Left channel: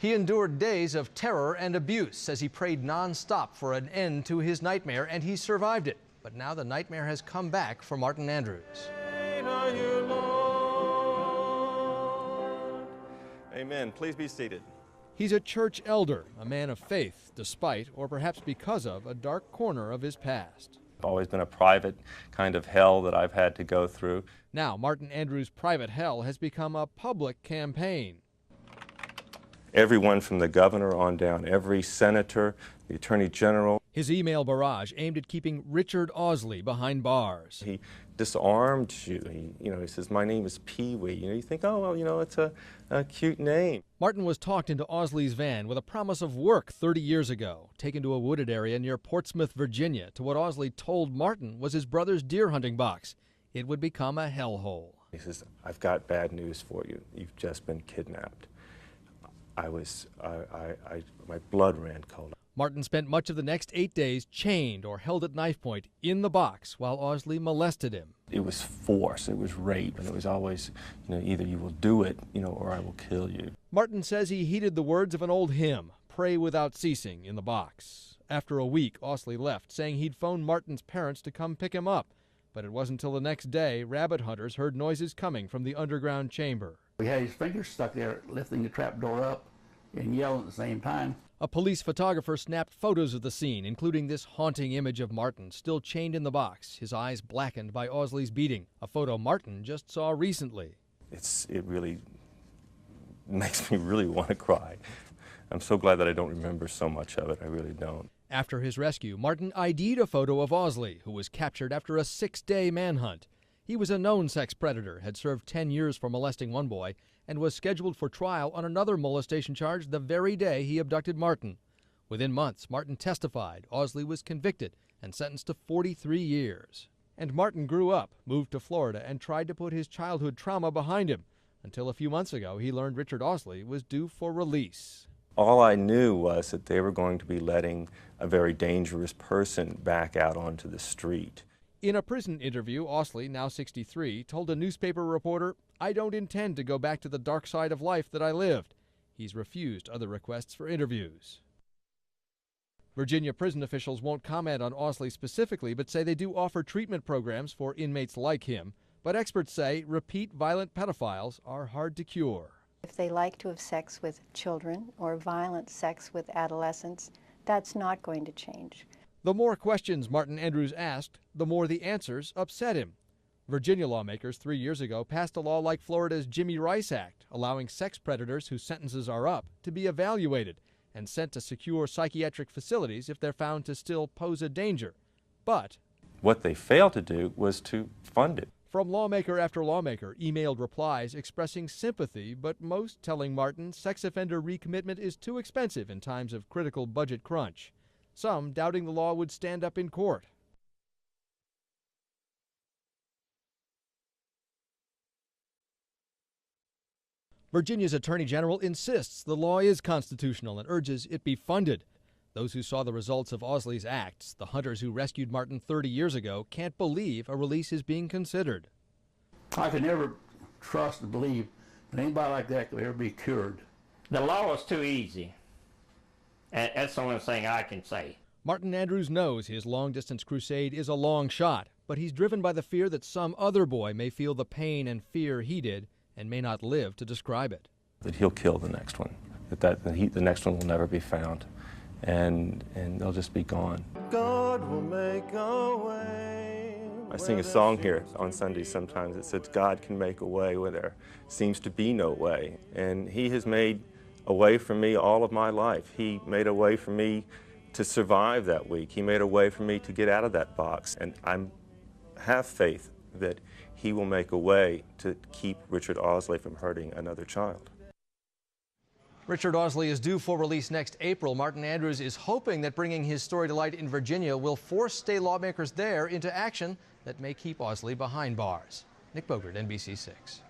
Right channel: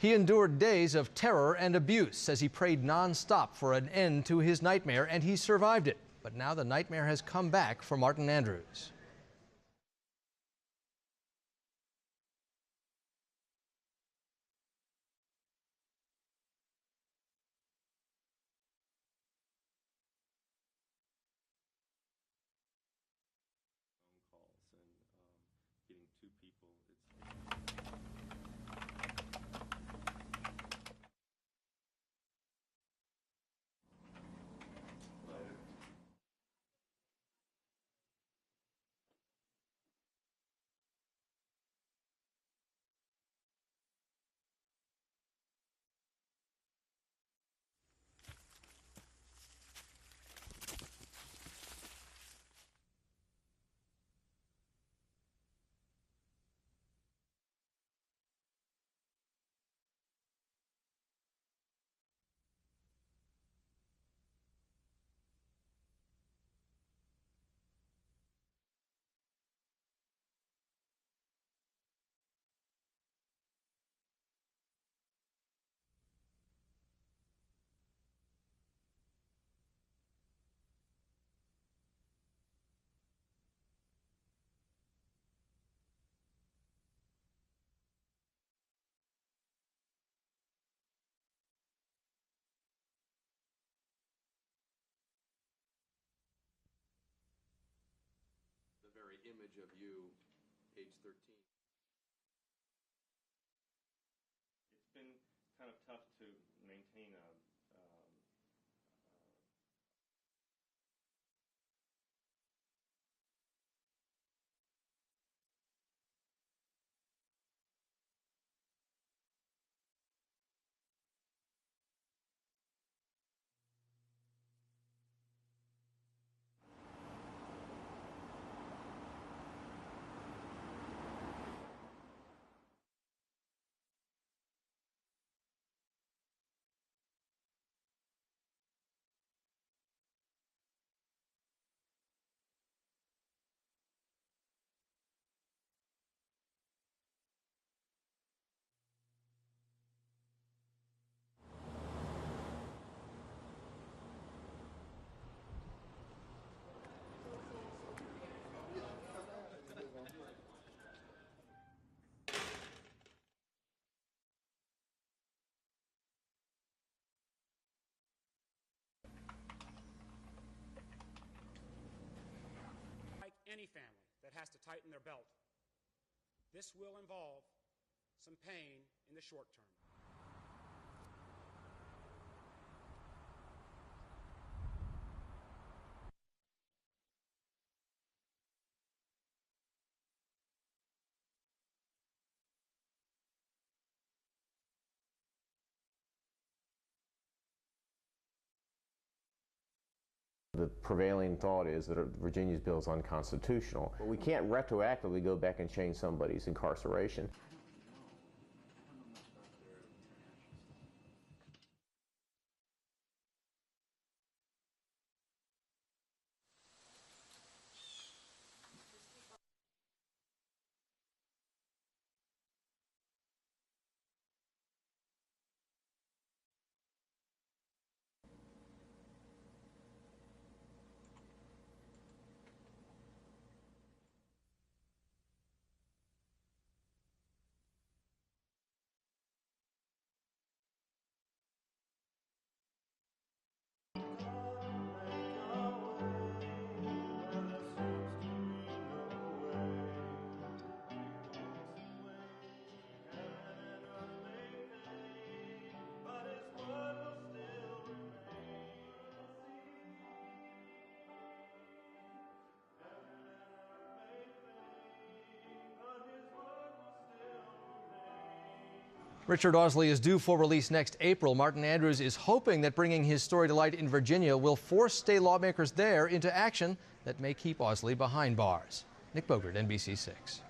He endured days of terror and abuse, says he prayed nonstop for an end to his nightmare, and he survived it. But now the nightmare has come back for Martin Andrews. Amen. Please be seated. He's a church elder, a man of faith, despite, or perhaps because of, a dark corner of his past. It's always been a private kind of hell that I've had to go through. Now, Martin Andrews' private hell has become a public campaign. Everyone from the governor on down, every senator, the attorney general. His email barrage aimed at keeping Richard Osley behind bars. He disarmed you. He says, my name is Pee-wee. You think, oh, well, it's a cute name. Martin was talked into Osley's van with a promise of work 30 years ago, taken to a wooded area near Portsmouth, Virginia, to what Osley told Martin was his brother's deer hunting box. It would become a hellhole. He says, I've got bad news for you. You've just been kidnapped. My blood ran cold. Martin spent much of the next 8 days chained or held at knife point in the box while Osley molested him. It was force, it was rape, and it was always, either you will do it, or I will kill you. Martin says he heeded the words of an old hymn, Pray Without Ceasing, in the box. After a week, Osley left, saying he'd phoned Martin's parents to come pick him up. But it wasn't until the next day rabbit hunters heard noises coming from the underground chamber. He had his fingers stuck there, lifting the trap door up and yelling at the same time. A police photographer snapped photos of the scene, including this haunting image of Martin, still chained in the box, his eyes blackened by Osley's beating, a photo Martin just saw recently. It really makes me really want to cry. I'm so glad that I don't remember so much of it. I really don't. After his rescue, Martin ID'd a photo of Osley, who was captured after a 6-day manhunt. He was a known sex predator, had served 10 years for molesting one boy, and was scheduled for trial on another molestation charge the very day he abducted Martin. Within months, Martin testified. Osley was convicted and sentenced to 43 years. And Martin grew up, moved to Florida, and tried to put his childhood trauma behind him, until a few months ago he learned Richard Osley was due for release. All I knew was that they were going to be letting a very dangerous person back out onto the street. In a prison interview, Osley, now 63, told a newspaper reporter, I don't intend to go back to the dark side of life that I lived. He's refused other requests for interviews. Virginia prison officials won't comment on Osley specifically, but say they do offer treatment programs for inmates like him. But experts say repeat violent pedophiles are hard to cure. If they like to have sex with children or violent sex with adolescents, that's not going to change. The more questions Martin Andrews asked, the more the answers upset him. Virginia lawmakers 3 years ago passed a law like Florida's Jimmy Rice Act, allowing sex predators whose sentences are up to be evaluated and sent to secure psychiatric facilities if they're found to still pose a danger. But what they failed to do was to fund it. From lawmaker after lawmaker, emailed replies expressing sympathy, but most telling Martin sex offender recommitment is too expensive in times of critical budget crunch. Some doubting the law would stand up in court. The prevailing thought is that Virginia's bill is unconstitutional. We can't retroactively go back and change somebody's incarceration. Virginia's Attorney General insists the law is constitutional and urges it be funded. Those who saw the results of Osley's acts, the hunters who rescued Martin 30 years ago, can't believe a release is being considered. I could never trust and believe that anybody like that could ever be cured. The law is too easy. And that's the only thing I can say. Martin Andrews knows his long-distance crusade is a long shot, but he's driven by the fear that some other boy may feel the pain and fear he did and may not live to describe it. That he'll kill the next one, the next one will never be found, and they'll just be gone. God will make a way. I sing a song here on Sundays sometimes that says, God can make a way where there seems to be no way, and he has made a way for me all of my life. He made a way for me to survive that week. He made a way for me to get out of that box, and I have faith that he will make a way to keep Richard Osley from hurting another child. Richard Osley is due for release next April. Martin Andrews is hoping that bringing his story to light in Virginia will force state lawmakers there into action that may keep Osley behind bars. Nick Bogert, NBC6.